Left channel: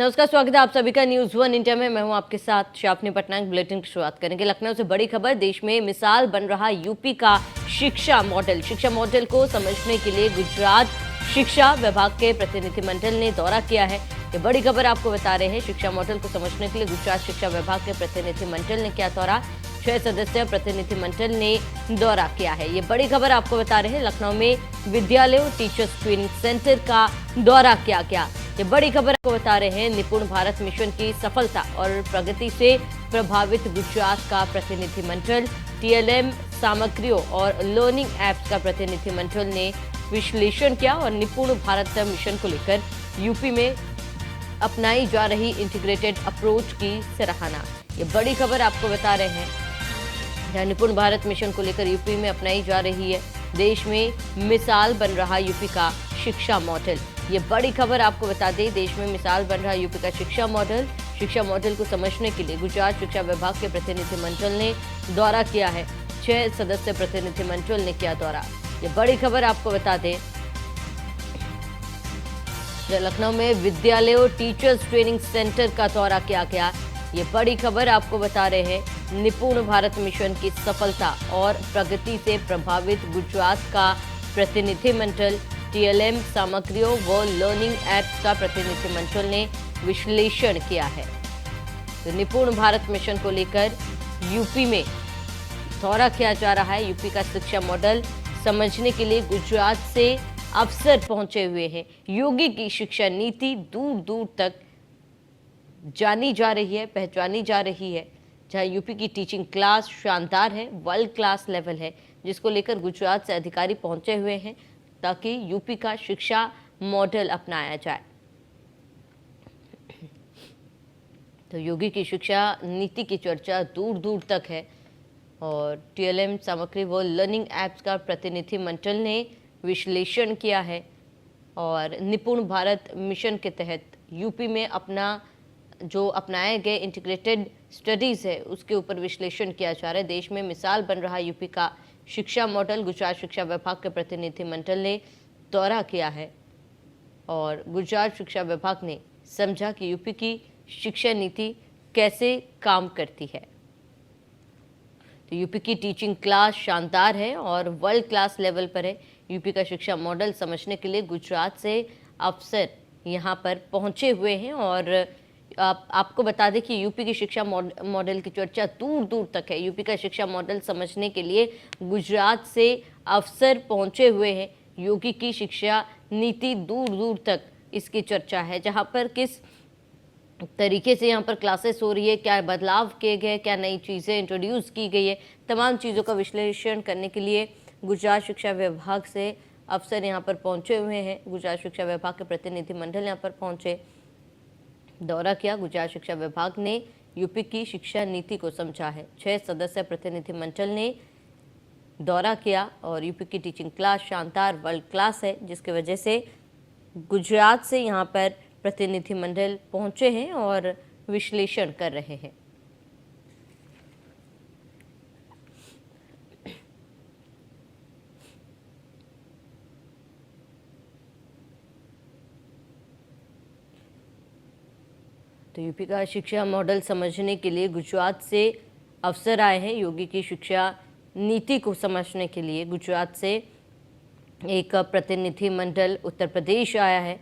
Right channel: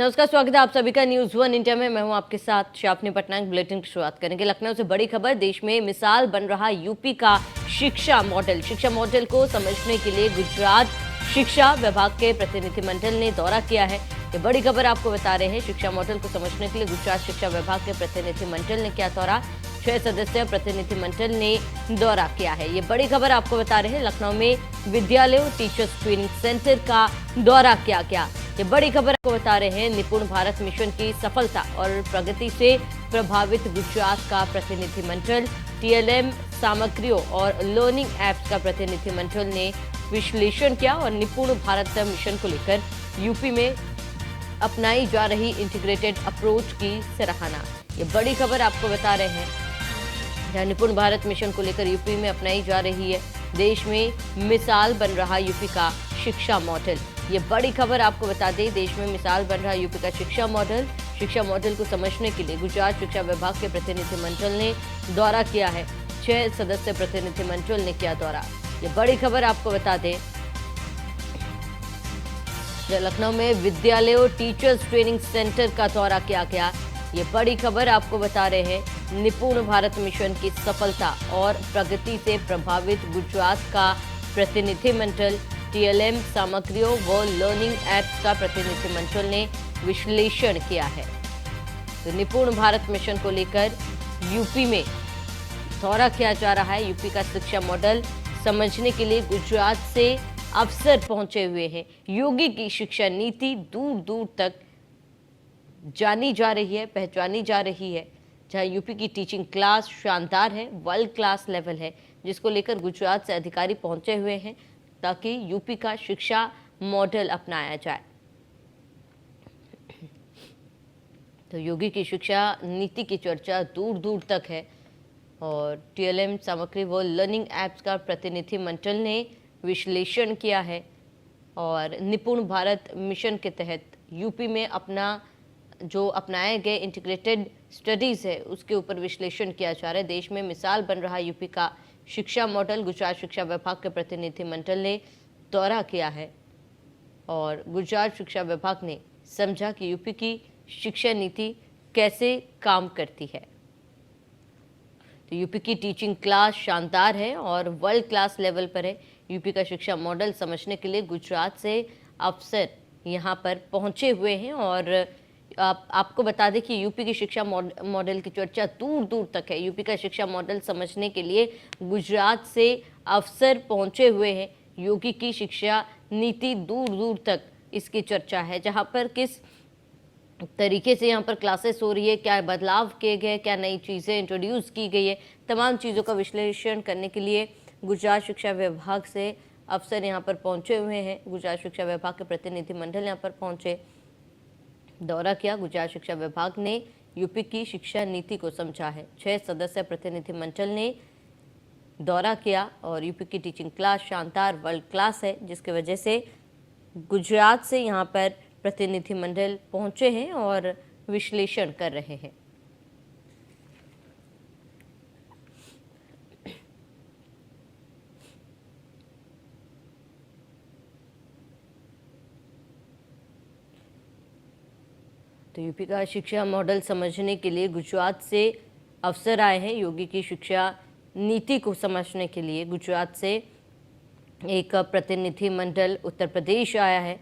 नमस्कार, स्वागत है आप सभी का न्यूज वन इंडिया में। मैं हूं आपके साथ शापनी पटनायक। बुलेटिन की शुरुआत करेंगे लखनऊ से। बड़ी खबर, देश में मिसाल बन रहा यूपी का शिक्षा मॉडल। शिक्षा मॉडल को समझने के लिए गुजरात शिक्षा विभाग के प्रतिनिधिमंडल ने दौरा किया है। ये बड़ी खबर आपको बता रहे हैं। शिक्षा मॉडल को समझने के लिए गुजरात शिक्षा विभाग के प्रतिनिधिमंडल ने किया दौरा। 6 सदस्यीय प्रतिनिधिमंडल ने दौरा किया है। ये बड़ी खबर आपको बता रहे हैं। लखनऊ में विद्यालयों टीचर्स ट्रेनिंग सेंटर का दौरा किया गया। ये बड़ी खबर आपको बता रहे हैं। निपुण भारत मिशन की सफलता और प्रगति से प्रभावित गुजरात का प्रतिनिधिमंडल, टीएलएम सामग्रियों और लर्निंग एप्स का प्रतिनिधिमंडल ने विश्लेषण किया और निपुण भारत मिशन को लेकर यूपी में अपनाई जा रही इंटीग्रेटेड अप्रोच की सराहना। ये बड़ी खबर आपको बता रहे हैं। जहां निपुण भारत मिशन को लेकर यूपी में अपनाई जा रही है देश में मिसाल बन रहा यूपी का शिक्षा मॉडल। ये बड़ी खबर आपको बता दें। देश में मिसाल बन रहा यूपी का शिक्षा मॉडल। शिक्षा मॉडल को समझने के लिए गुजरात शिक्षा विभाग के प्रतिनिधिमंडल ने दौरा किया है। 6 सदस्य प्रतिनिधिमंडल ने किया दौरा। ये बड़ी खबर आपको बता दें। लखनऊ में विद्यालयों टीचर्स ट्रेनिंग सेंटर का दौरा किया गया। ये बड़ी खबर आपको बता रहे हैं। निपुण भारत मिशन की सफलता और प्रगति से प्रभावित गुजरात का प्रतिनिधिमंडल, टीएलएम सामग्रियों व लर्निंग एप्स का प्रतिनिधिमंडल ने विश्लेषण किया है। तो निपुण भारत मिशन को लेकर यूपी में दौरा किया जा रहा है। यूपी का शिक्षा मॉडल समझने के लिए गुजरात से अफसर पहुंचे हुए हैं। योगी की शिक्षा नीति दूर दूर तक जानी जा रही है, पहचानी जा रही है। जहां यूपी की टीचिंग क्लास शानदार है, वर्ल्ड क्लास लेवल है, जिसको लेकर गुजरात से अधिकारी पहुंचे हुए हैं ताकि यूपी का शिक्षा मॉडल अपनाया जाए। तो योगी की शिक्षा नीति की चर्चा दूर दूर तक है और टीएलएम सामग्री व लर्निंग एप्स का प्रतिनिधिमंडल ने विश्लेषण किया है और निपुण भारत मिशन के तहत यूपी में जो अपनाए गए इंटीग्रेटेड स्टडीज़ है उसके ऊपर विश्लेषण किया जा रहा है। देश में मिसाल बन रहा यूपी का शिक्षा मॉडल। गुजरात शिक्षा विभाग के प्रतिनिधिमंडल ने दौरा किया है और गुजरात शिक्षा विभाग ने समझा कि यूपी की शिक्षा नीति कैसे काम करती है। तो यूपी की टीचिंग क्लास शानदार है और वर्ल्ड क्लास लेवल पर है। यूपी का शिक्षा मॉडल समझने के लिए गुजरात से अफसर यहाँ पर पहुँचे हुए हैं और आपको बता दें कि यूपी की शिक्षा मॉडल की चर्चा दूर दूर तक है। यूपी का शिक्षा मॉडल समझने के लिए गुजरात से अफसर पहुंचे हुए हैं। योगी की शिक्षा नीति दूर दूर तक इसकी चर्चा है। जहां पर किस तरीके से यहाँ पर क्लासेस हो रही है, क्या बदलाव किए गए, क्या नई चीज़ें इंट्रोड्यूस की गई है, तमाम चीज़ों का विश्लेषण करने के लिए गुजरात शिक्षा विभाग से अफसर यहाँ पर पहुंचे हुए हैं। गुजरात शिक्षा विभाग के प्रतिनिधिमंडल यहाँ पर पहुंचे, दौरा किया। गुजरात शिक्षा विभाग ने यूपी की शिक्षा नीति को समझा है। 6 सदस्य प्रतिनिधिमंडल ने दौरा किया और यूपी की टीचिंग क्लास शानदार वर्ल्ड क्लास है, जिसकी वजह से गुजरात से यहाँ पर प्रतिनिधिमंडल पहुँचे हैं और विश्लेषण कर रहे हैं। तो यूपी का शिक्षा मॉडल समझने के लिए गुजरात से अफसर आए हैं। योगी की शिक्षा नीति को समझने के लिए गुजरात से एक प्रतिनिधिमंडल उत्तर प्रदेश आया है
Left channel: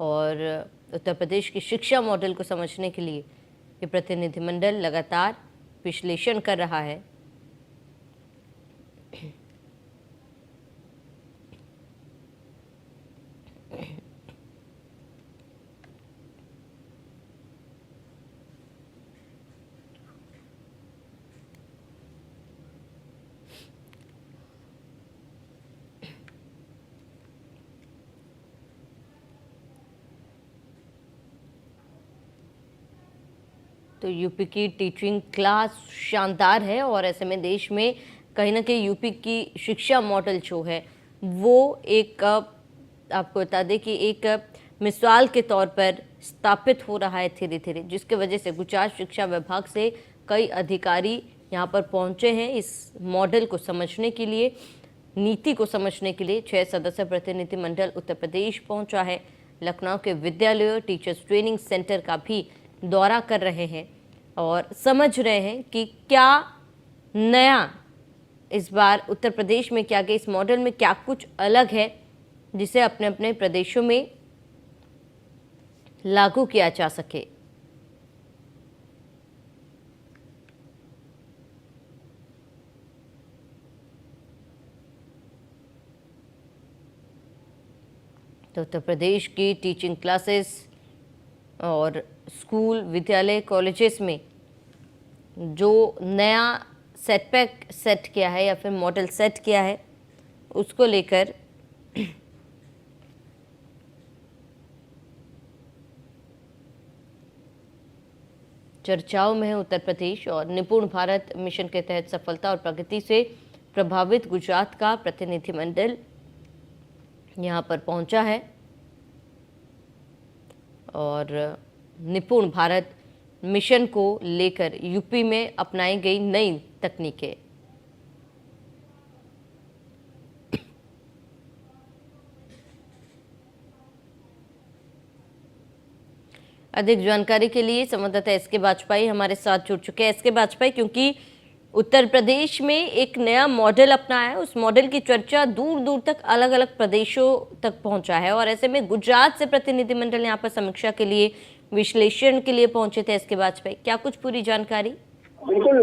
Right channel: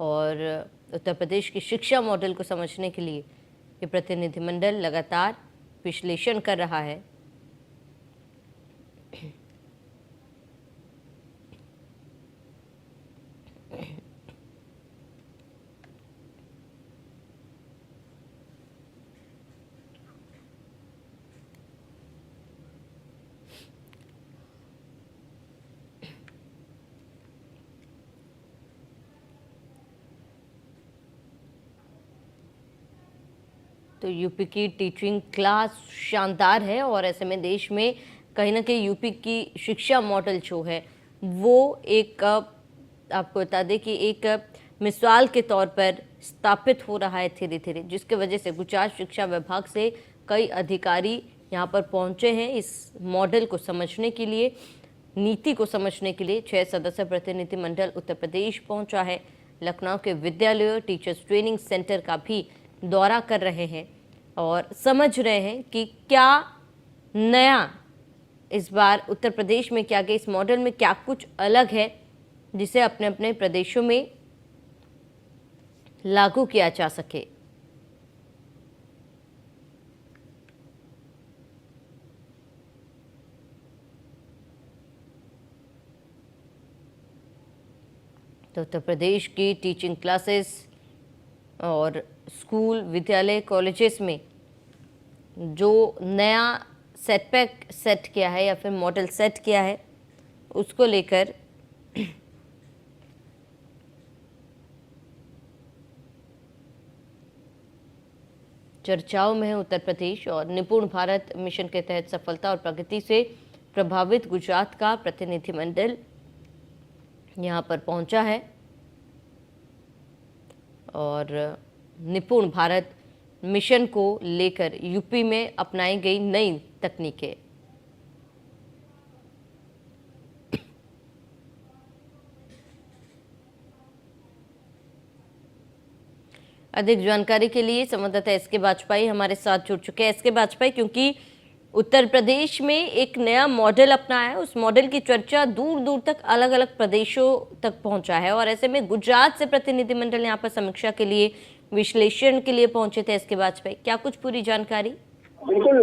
और उत्तर प्रदेश की शिक्षा मॉडल को समझने के लिए ये प्रतिनिधिमंडल लगातार विश्लेषण कर रहा है। तो यूपी की टीचिंग क्लास शानदार है और ऐसे में देश में कहीं ना कहीं यूपी की शिक्षा मॉडल जो है वो एक आपको बता दें कि एक मिसाल के तौर पर स्थापित हो रहा है धीरे धीरे, जिसके वजह से गुजरात शिक्षा विभाग से कई अधिकारी यहाँ पर पहुँचे हैं इस मॉडल को समझने के लिए, नीति को समझने के लिए। 6 सदस्य प्रतिनिधिमंडल उत्तर प्रदेश पहुँचा है लखनऊ के विद्यालयों टीचर्स ट्रेनिंग सेंटर का भी दौरा कर रहे हैं और समझ रहे हैं कि क्या नया इस बार उत्तर प्रदेश में क्या गया, इस मॉडल में क्या कुछ अलग है जिसे अपने अपने प्रदेशों में लागू किया जा सके। तो उत्तर प्रदेश की टीचिंग क्लासेस और स्कूल विद्यालय कॉलेजेस में जो नया सेटबैक सेट किया है या फिर मॉडल सेट किया है उसको लेकर चर्चाओं में है उत्तर प्रदेश। और निपुण भारत मिशन के तहत सफलता और प्रगति से प्रभावित गुजरात का प्रतिनिधिमंडल यहाँ पर पहुंचा है और निपुण भारत मिशन को लेकर यूपी में अपनाई गई नई तकनीकें। अधिक जानकारी के लिए संवाददाता एसके बाजपेयी हमारे साथ जुड़ चुके हैं। एसके बाजपेयी, क्योंकि उत्तर प्रदेश में एक नया मॉडल अपनाया है, उस मॉडल की चर्चा दूर दूर तक अलग अलग प्रदेशों तक पहुंचा है और ऐसे में गुजरात से प्रतिनिधिमंडल यहाँ पर समीक्षा के लिए विश्लेषण के लिए पहुंचे थे। एसके बाजपेयी, क्या कुछ पूरी जानकारी? बिल्कुल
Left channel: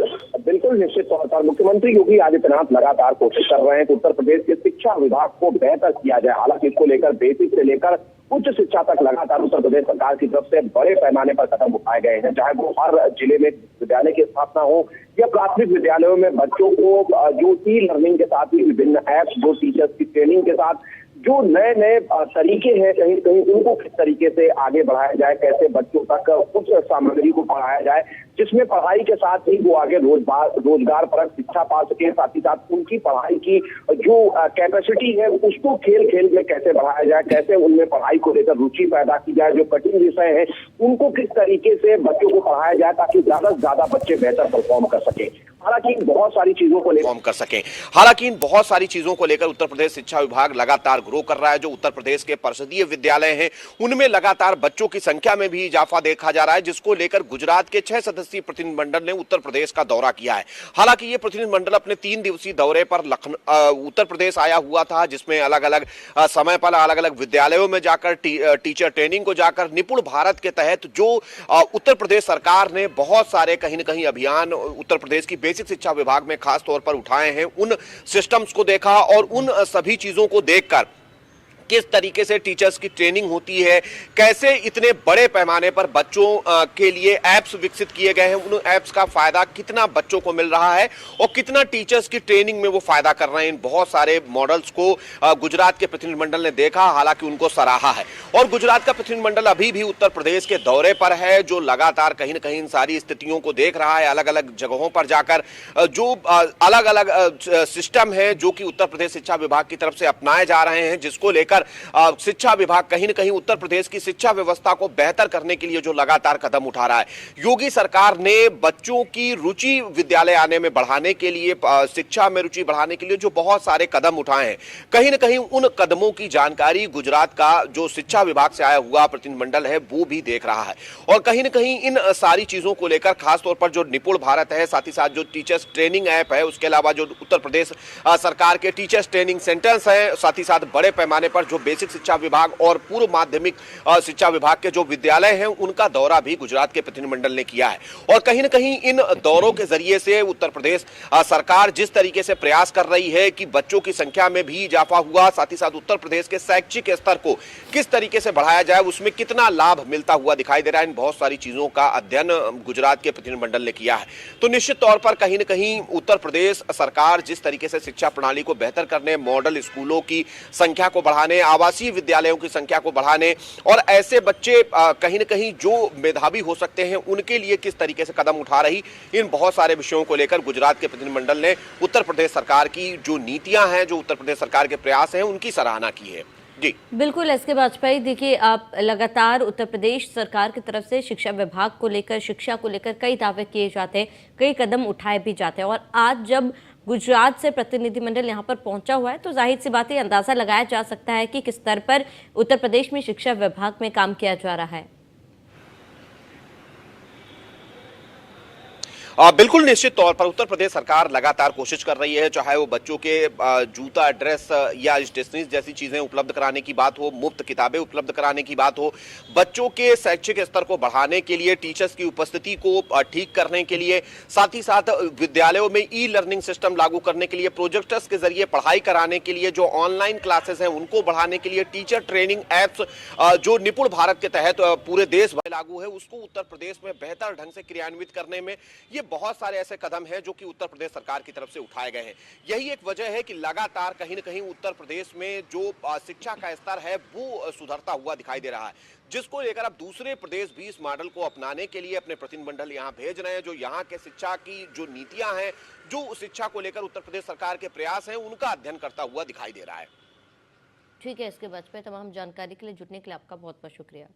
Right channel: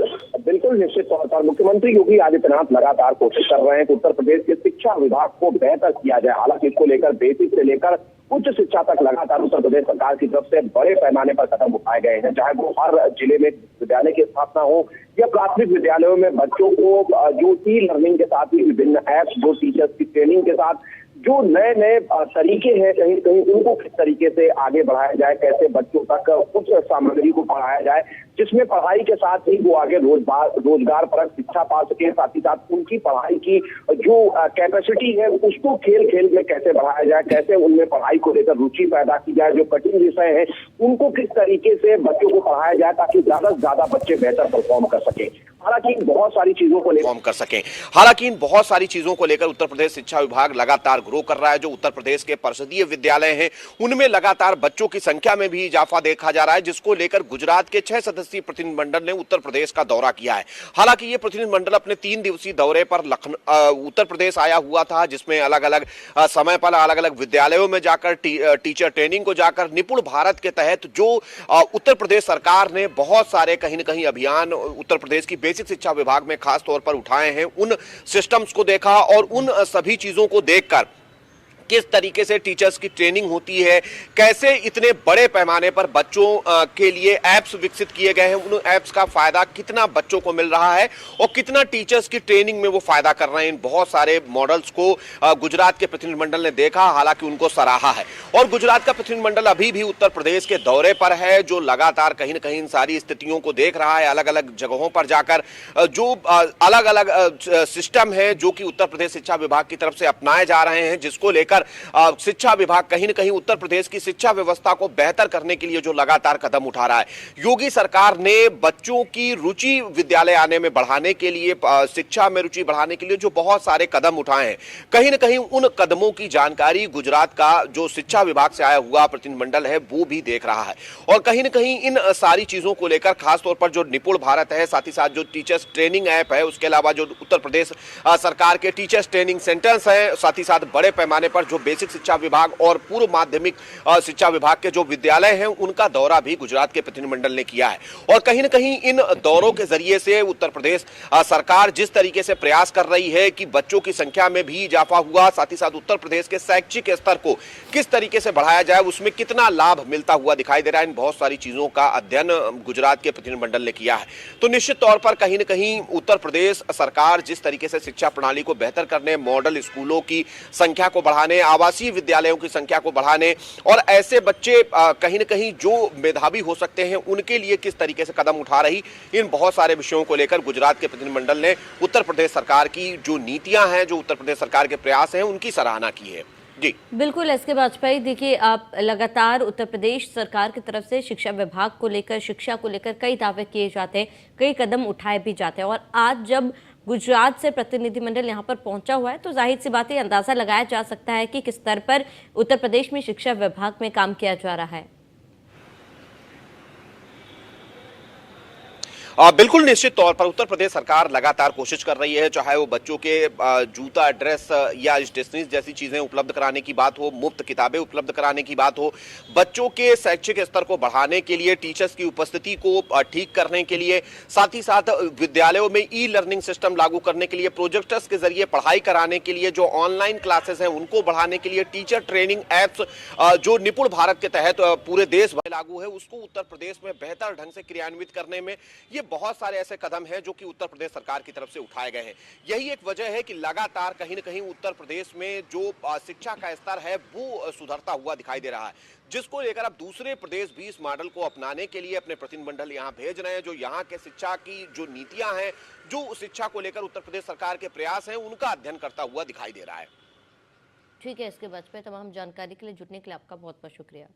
बिल्कुल, निश्चित तौर पर मुख्यमंत्री योगी आदित्यनाथ लगातार कोशिश कर रहे हैं कि उत्तर प्रदेश के शिक्षा विभाग को बेहतर किया जाए। हालांकि इसको लेकर बेसिक से लेकर उच्च शिक्षा तक लगातार उत्तर प्रदेश सरकार की तरफ से बड़े पैमाने पर कदम उठाए गए हैं, चाहे वो हर जिले में विद्यालय की स्थापना हो या प्राथमिक विद्यालयों में बच्चों को जो ई लर्निंग के साथ ही विभिन्न ऐप्स, जो टीचर्स की ट्रेनिंग के साथ जो नए नए तरीके हैं कहीं कहीं उनको किस तरीके से आगे बढ़ाया जाए, कैसे बच्चों तक उस सामग्री को पढ़ाया जाए जिसमें पढ़ाई के साथ ही वो आगे रोजगार परक शिक्षा पा सके, साथ ही साथ उनकी पढ़ाई की जो कैपेसिटी है उसको खेल खेल में कैसे बढ़ाया जाए, कैसे उनमें पढ़ाई को लेकर रुचि पैदा की जाए, जो कठिन विषय है उनको किस तरीके से बच्चों को पढ़ाया जाए ताकि ज्यादा से ज्यादा बच्चे बेहतर परफॉर्म कर सके। हालांकि बहुत सारी चीजों को लेकर उत्तर प्रदेश शिक्षा विभाग लगातार ग्रो कर रहा है। जो उत्तर प्रदेश के परिषदीय विद्यालय हैं उनमें लगातार बच्चों की संख्या में भी इजाफा देखा जा रहा है, जिसको लेकर गुजरात के 6 सदस्यीय प्रतिनिधिमंडल ने उत्तर प्रदेश का दौरा किया है। हालांकि ये प्रतिनिधिमंडल अपने 3 दिवसीय दौरे पर उत्तर प्रदेश आया हुआ था, जिसमें अलग अलग समय पर अलग अलग विद्यालयों में जाकर टीचर ट्रेनिंग को जाकर निपुण भारत के तहत जो उत्तर प्रदेश सरकार ने बहुत सारे कहीं न कहीं अभियान उत्तर प्रदेश की बेसिक शिक्षा विभाग में खास तौर पर उठाए हैं, उन सिस्टम्स को देखा और उन सभी चीजों को देखकर किस तरीके से टीचर्स की ट्रेनिंग होती है, कैसे इतने बड़े पैमाने पर बच्चों के लिए ऐप्स विकसित किए गए हैं, उन ऐप्स का फायदा कितना बच्चों को मिल रहा है और कितना टीचर्स की ट्रेनिंग में वो फायदा कर रहे हैं, इन बहुत सारे मॉडल्स को गुजरात के प्रतिनिधिमंडल ने देखा। हालांकि उनको सराहा है और गुजरात का प्रतिनिधिमंडल अभी भी उत्तर प्रदेश के दौरे पर है, जो लगातार कहीं न कहीं इन सारी स्थितियों को देख रहा है, अलग अलग जगहों पर जाकर जो अलग अलग सिस्टम है जो कि उत्तर प्रदेश शिक्षा विभाग की तरफ से अपनाए जा रहे हैं, जिसको लेकर शिक्षा विभाग कहीं न कहीं उत्तर प्रदेश की शिक्षा व्यवस्था को बेहतर करने के लिए जो लगातार कदम उठा रहा है। योगी सरकार ने बच्चों की रुचि विद्यालय आने में बढ़ाने के लिए, शिक्षा में रुचि बढ़ाने के लिए जो बहुत सारे कदम उठाए हैं, कहीं न कहीं उन कदमों की जानकारी गुजरात का जो शिक्षा विभाग से आया हुआ प्रतिनिधिमंडल है वो भी देख रहा है। और कहीं न कहीं इन सारी चीजों को लेकर खासतौर पर जो निपुण भारत है, साथ ही साथ जो टीचर्स ट्रेनिंग ऐप है, उसके अलावा जो उत्तर प्रदेश सरकार के टीचर्स ट्रेनिंग सेंटर्स हैं, साथ ही साथ बड़े पैमाने पर जो बेसिक शिक्षा विभाग और पूर्व माध्यमिक शिक्षा विभाग के जो विद्यालय हैं उनका दौरा भी गुजरात के प्रतिनिधिमंडल ने किया है। और कहीं न कहीं इन दौरों के जरिए से उत्तर प्रदेश सरकार जिस तरीके से प्रयास कर रही है कि बच्चों की संख्या में भी इजाफा हुआ, साथ ही साथ उत्तर प्रदेश के शैक्षिक स्तर को किस तरीके से बढ़ाया जाए, उसमें कितना लाभ मिलता हुआ दिखाई दे रहा है, इन बहुत सारी चीजों का अध्ययन गुजरात के प्रतिनिधिमंडल ने किया है। तो निश्चित तौर पर कहीं न कहीं उत्तर प्रदेश सरकार जिस तरीके से शिक्षा प्रणाली को बेहतर करने, मॉडल स्कूलों की संख्या को बढ़ाने, आवासीय विद्यालयों की संख्या को बढ़ाने और ऐसे बच्चे कहीं न कहीं जो मेधावी हो सकते हैं उनके लिए किस तरीके से कदम उठा रही, इन बहुत सारे विषयों को लेकर गुजरात के प्रतिनिधिमंडल ने उत्तर प्रदेश सरकार की जो नीतियां हैं, जो उत्तर प्रदेश सरकार के प्रयास हैं, उनकी सराहना की है। जी बिल्कुल एसके बाजपेयी, देखिए आप लगातार उत्तर प्रदेश सरकार की तरफ से शिक्षा विभाग को लेकर, शिक्षा को लेकर कई दावे किए जाते हैं, कई कदम उठाए भी जाते हैं और आज जब गुजरात से प्रतिनिधिमंडल यहाँ पर पहुंचा हुआ है, तो जाहिर सी बात है अंदाजा लगाया जा सकता है कि किस स्तर पर उत्तर प्रदेश में शिक्षा विभाग में काम किया जा रहा है। बिल्कुल निश्चित तौर पर उत्तर प्रदेश सरकार लगातार कोशिश कर रही है, चाहे वो बच्चों के जूता, ड्रेस या स्टेशनरीज जैसी चीजें उपलब्ध कराने की बात हो, मुफ्त किताबें उपलब्ध कराने की बात हो, बच्चों के शैक्षिक स्तर को बढ़ाने के लिए, टीचर्स की उपस्थिति को ठीक करने के लिए, साथ ही साथ विद्यालयों में ई लर्निंग सिस्टम लागू करने के लिए, प्रोजेक्टर्स के जरिए पढ़ाई कराने के लिए, जो ऑनलाइन क्लासेस हैं उनको बढ़ाने के लिए, टीचर ट्रेनिंग एप्स जो निपुण भारत के तहत पूरे देश भर लागू है, उसको उत्तर प्रदेश में बेहतर ढंग से क्रियान्वित करने में ये बहुत सारे ऐसे कदम हैं जो कि उत्तर प्रदेश सरकार की तरफ से उठाए गए हैं। यही एक वजह है कि लगातार कहीं न कहीं उत्तर प्रदेश में जो शिक्षा का स्तर है वो सुधरता हुआ दिखाई दे रहा है, जिसको लेकर अब दूसरे प्रदेश भी इस मॉडल को अपनाने के लिए अपने प्रतिनिधिमंडल यहाँ भेज रहे हैं। जो यहाँ के शिक्षा की जो नीतियां हैं, जो शिक्षा को लेकर उत्तर प्रदेश सरकार के प्रयास हैं, उनका अध्ययन करता हुआ दिखाई दे रहा है। ठीक है, इसके बाद पे तमाम जानकारी के लिए जुड़ने के लिए आपका बहुत बहुत शुक्रिया।